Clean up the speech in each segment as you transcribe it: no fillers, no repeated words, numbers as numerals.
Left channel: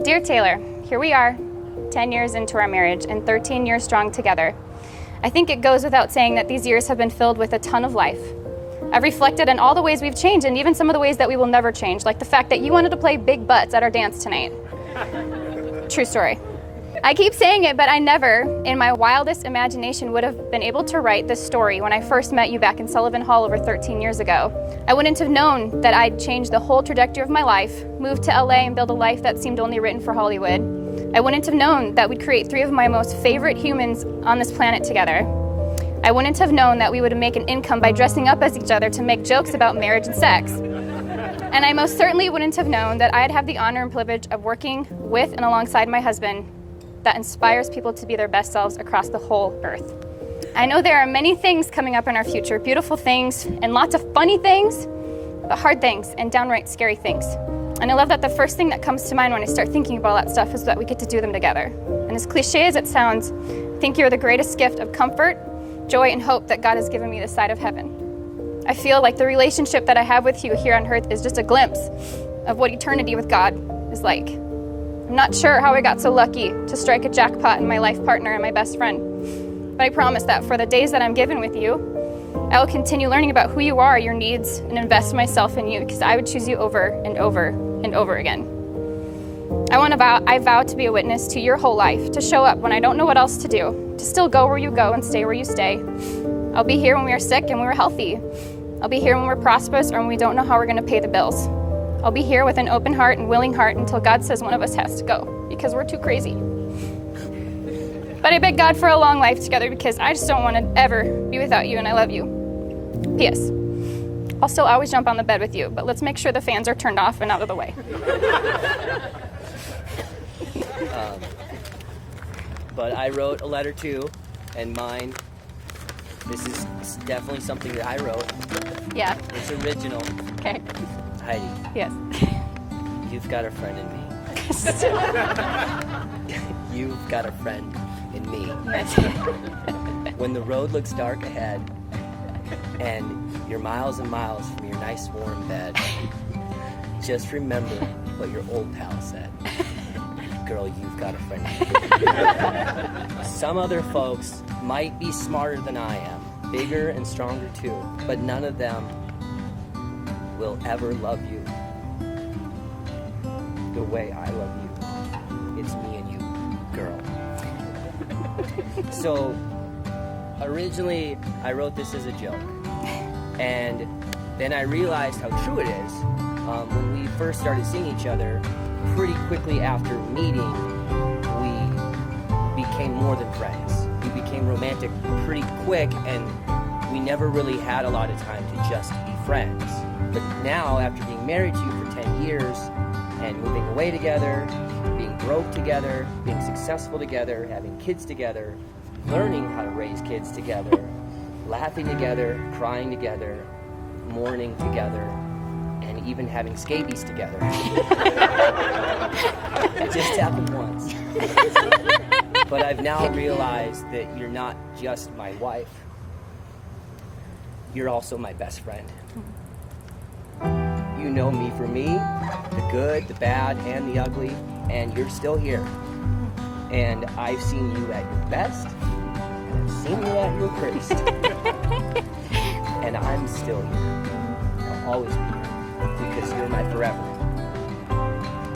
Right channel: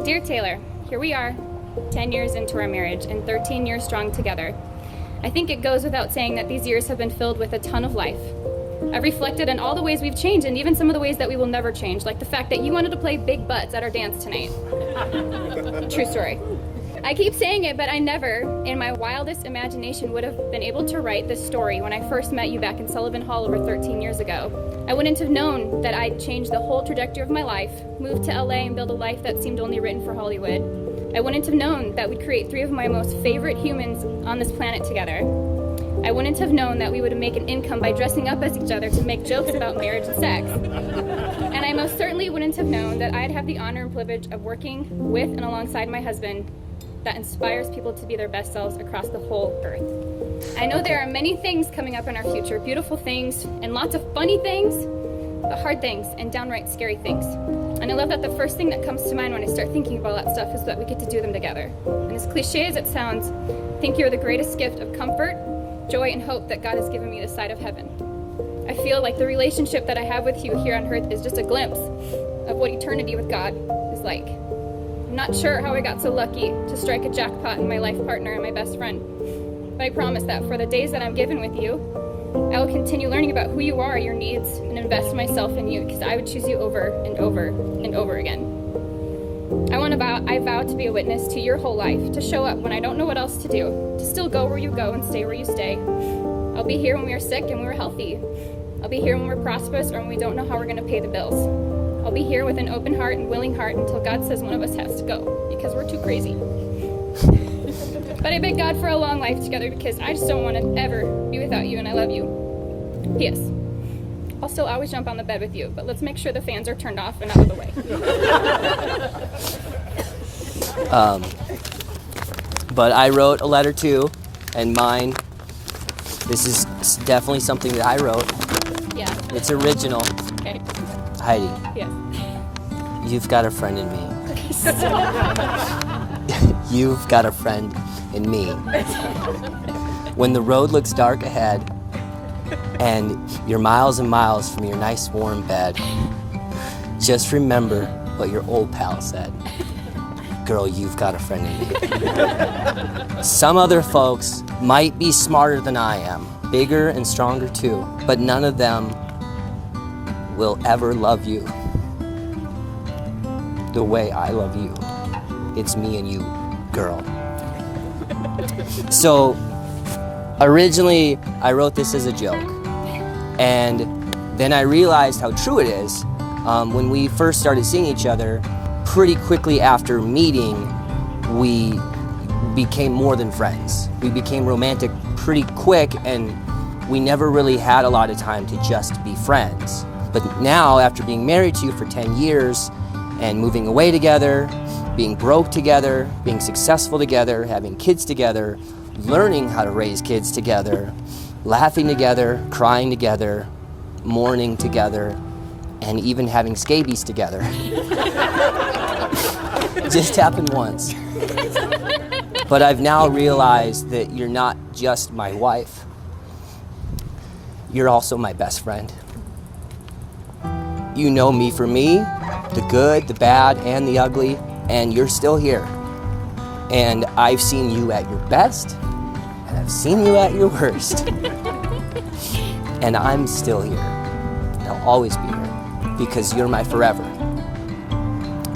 Dear Taylor, here we are, 10 years into our marriage and 13 years strong together. I think it goes without saying that these years have been filled with a ton of life. I've reflected on all the ways we've changed and even some of the ways that we will never change, like the fact that you wanted to play big butts at our dance tonight. True story. I keep saying it, but I never, in my wildest imagination, would have been able to write this story when I first met you back in Sullivan Hall over 13 years ago. I wouldn't have known that I'd change the whole trajectory of my life, move to LA and build a life that seemed only written for Hollywood. I wouldn't have known that we'd create 3 of my most favorite humans on this planet together. I wouldn't have known that we would make an income by dressing up as each other to make jokes about marriage and sex. And I most certainly wouldn't have known that I'd have the honor and privilege of working with and alongside my husband that inspires people to be their best selves across the whole earth. I know there are many things coming up in our future, beautiful things and lots of funny things, but hard things and downright scary things. And I love that the first thing that comes to mind when I start thinking about all that stuff is that we get to do them together. And as cliche as it sounds, I think you're the greatest gift of comfort, joy, and hope that God has given me this side of heaven. I feel like the relationship that I have with you here on earth is just a glimpse of what eternity with God is like. I'm not sure how I got so lucky to strike a jackpot in my life partner and my best friend, but I promise that for the days that I'm given with you, I will continue learning about who you are, your needs, and invest myself in you because I would choose you over and over and over again. I vow to be a witness to your whole life, to show up when I don't know what else to do, to still go where you go and stay where you stay. I'll be here when we are sick and when we're healthy. I'll be here when we're prosperous or when we don't know how we're going to pay the bills. I'll be here with an open heart and willing heart until God says one of us has to go because we're too crazy. But I beg God for a long life together because I just don't want to ever be without you and I love you. P.S. I'll still always jump on the bed with you, but let's make sure the fans are turned off and out of the way. But I wrote a letter too, and mine, this is definitely something that I wrote. Yeah. It's original. Okay. Heidi. Yes. You've got a friend in me. You've got a friend in me. When the road looks dark ahead and you're miles and miles from your nice warm bed, just remember what your old pal said. Girl, you've got a friend in me. Some other folks might be smarter than I am, bigger and stronger too, but none of them will ever love you the way I love you. It's me and you, girl. So originally I wrote this as a joke, and then I realized how true it is. When we first started seeing each other, pretty quickly after meeting, we became more than friends. We became romantic pretty quick, and we never really had a lot of time to just be friends. But now, after being married to you for 10 years and moving away together, being broke together, being successful together, having kids together, learning how to raise kids together, laughing together, crying together, mourning together, and even having scabies together. It just happened once. But I've now realized that you're not just my wife. You're also my best friend. You know me for me, the good, the bad, and the ugly, and you're still here. And I've seen you at your best, and I've seen you at your worst. And I'm still here. I'll always be here, because you're my forever.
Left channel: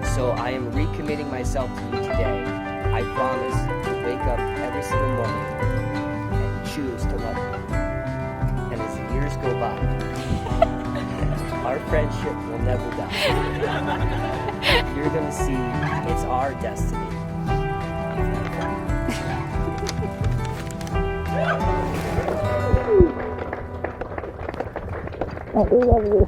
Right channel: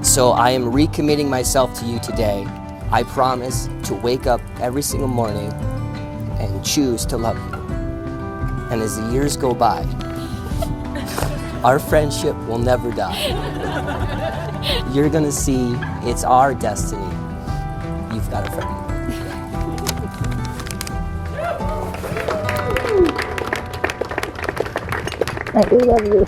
So I am recommitting myself to you today. I promise to wake up every single morning and choose to love you. And as the years go by, our friendship will never die. You're gonna see it's our destiny. You've got a friend. I love you.